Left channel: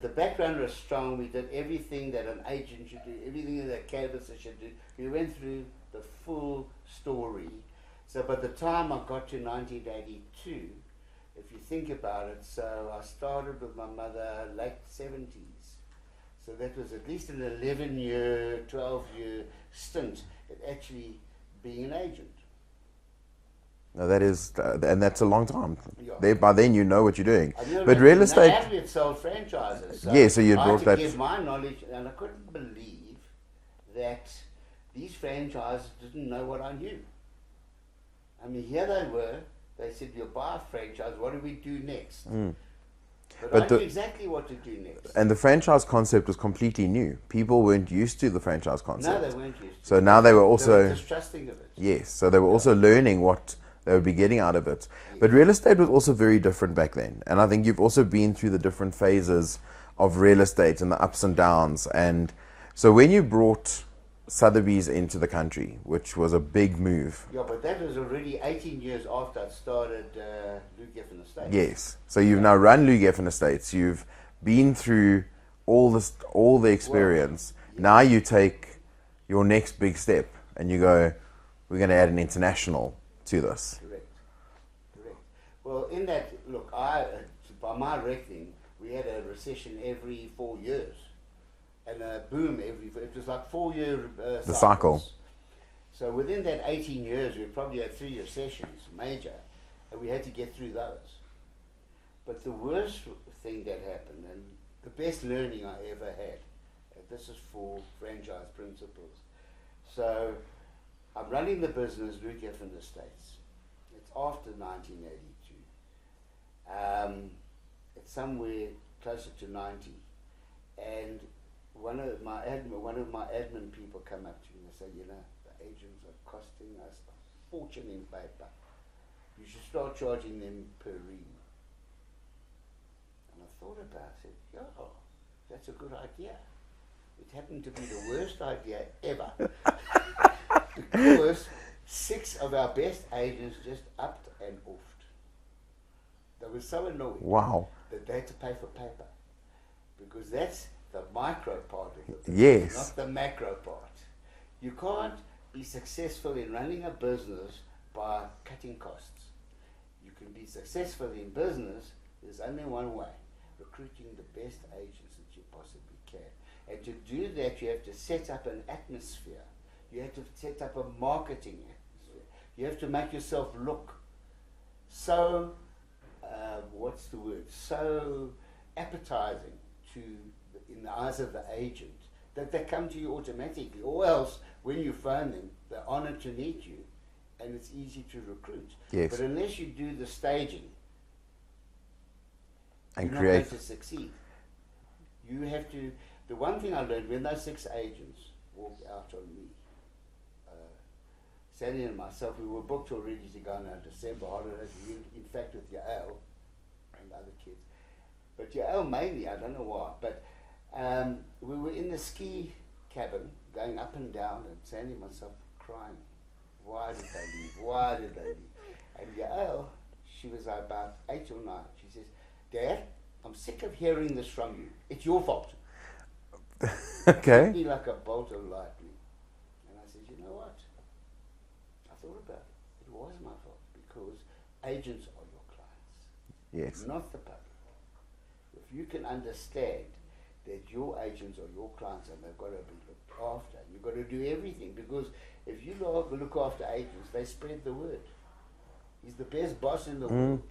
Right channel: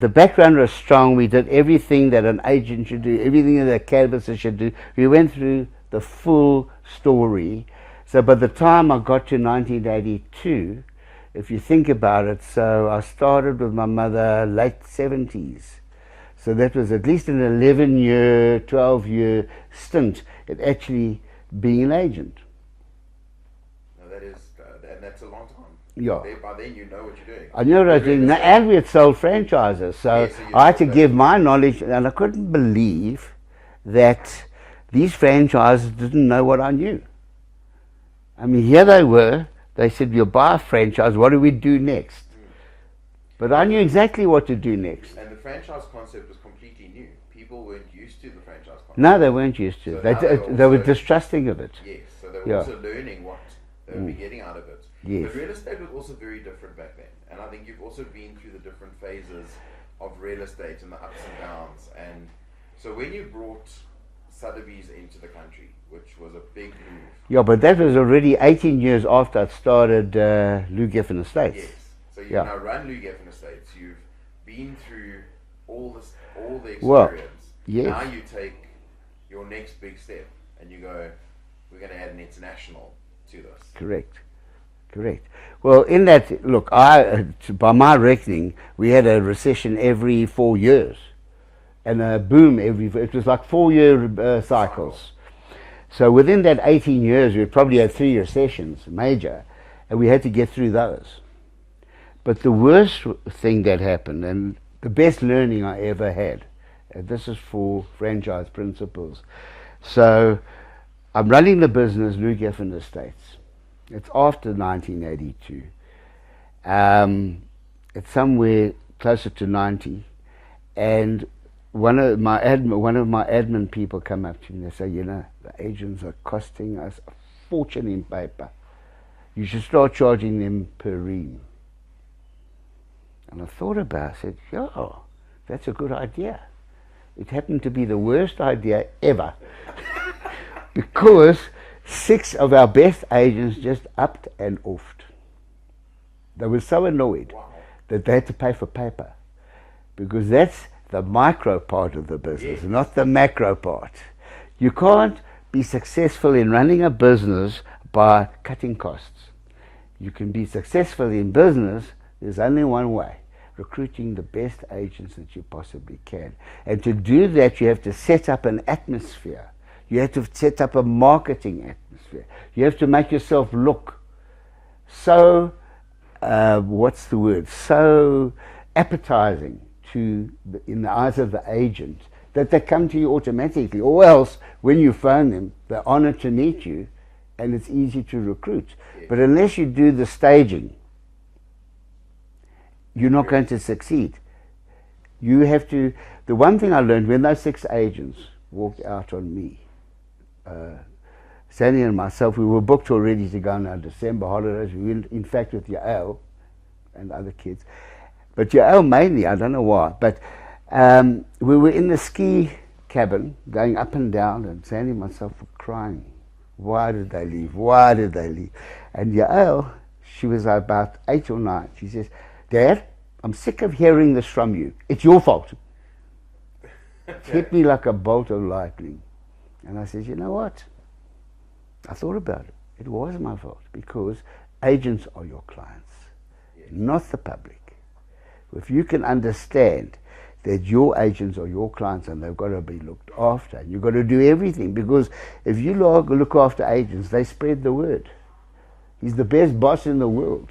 The background was strong. We did everything that an agent should do, everything that a canvasser should do. We went through the full story. So by the time I got to 1982, if you think about it, so I started with my mother late 70s. So that was at least an 11-year, 12-year stint at actually being an agent. No, that is, and that's a long time. Yeah. By then you know what you're doing. I know But that, real estate, and we had sold franchises, so, yeah, so you I had to brought give that- my knowledge, and I couldn't believe that these franchises didn't know what I knew. I mean, here they were, they said, you'll buy a franchise, what do we do next? But I knew exactly what to do next. And the franchise concept was completely new. People weren't used to the franchise concept. No, they weren't used to So it. now they were also... They were distrusting of it. Yes, so they were also learning what they would be getting out of it. Yes. But real estate was also very different back then. And I think you've also been through the different phases of real estate and the ups and downs. And so when you brought Sotheby's into the country, which was a big move. Yeah, but that was already 18 years after I'd started Geffen Estates. Yes. So you've now run Geffen Estates. You've been through all the experience. Well, yes. Now you take your next big step and you go, we're going to add an international to this. Correct. Well, in that, look, by my reckoning, we had a recession every 4 years, and a boom it was like 4-year cycles. So within that 18 years, we probably had 3 recessions, major, and we had to get through those. But the worst thing that happened, and the best learning I ever had, and this is for franchise principles. So I'm running the business, Geffen Estates. It's after 1982. It's somewhere closer to 90, and one of my admin people come up to me and they say, you know, the agents are costing us a fortune in paper. You should start charging them per ream. And I thought about it, I said, yeah, that's a good idea. It happened to be the worst idea ever. Because 6 of our best agents just upped and offed. They were so annoyed that they had to pay for paper. Because that's the micro part of the business, not the macro part. You can't be successful in running a business by cutting costs. You can be successful in business, there's only one way: recruiting the best agents that you possibly can. And to do that, you have to set up an atmosphere. You have to set up a marketing atmosphere. You have to make yourself look so, so appetizing in the eyes of the agent that they come to you automatically. Or else, when you phone them, they're honored to meet you and it's easy to recruit. Yes. But unless you do the staging, you're not going to succeed. You have to, the one thing I learned when those 6 agents walked out on me, Sandy and myself, we were booked already to go on our December holidays. We went, in fact, with Yael and other kids. But Yael mainly, I don't know why, but we were in the ski cabin going up and down, and Sandy and myself were crying. Why did they leave? Why did they leave? And Yael, she was about 8 or 9. She says, Dad, I'm sick of hearing this from you. It's your fault. Okay. Hit me like a bolt of lightning. And I said, you know what? I thought about it. It was my fault, because agents are your clients, not the public. If you can understand that your agents are your clients and they've got to be looked after, and you've got to do everything, because if you look after agents, they spread the word. He's the best boss in the world.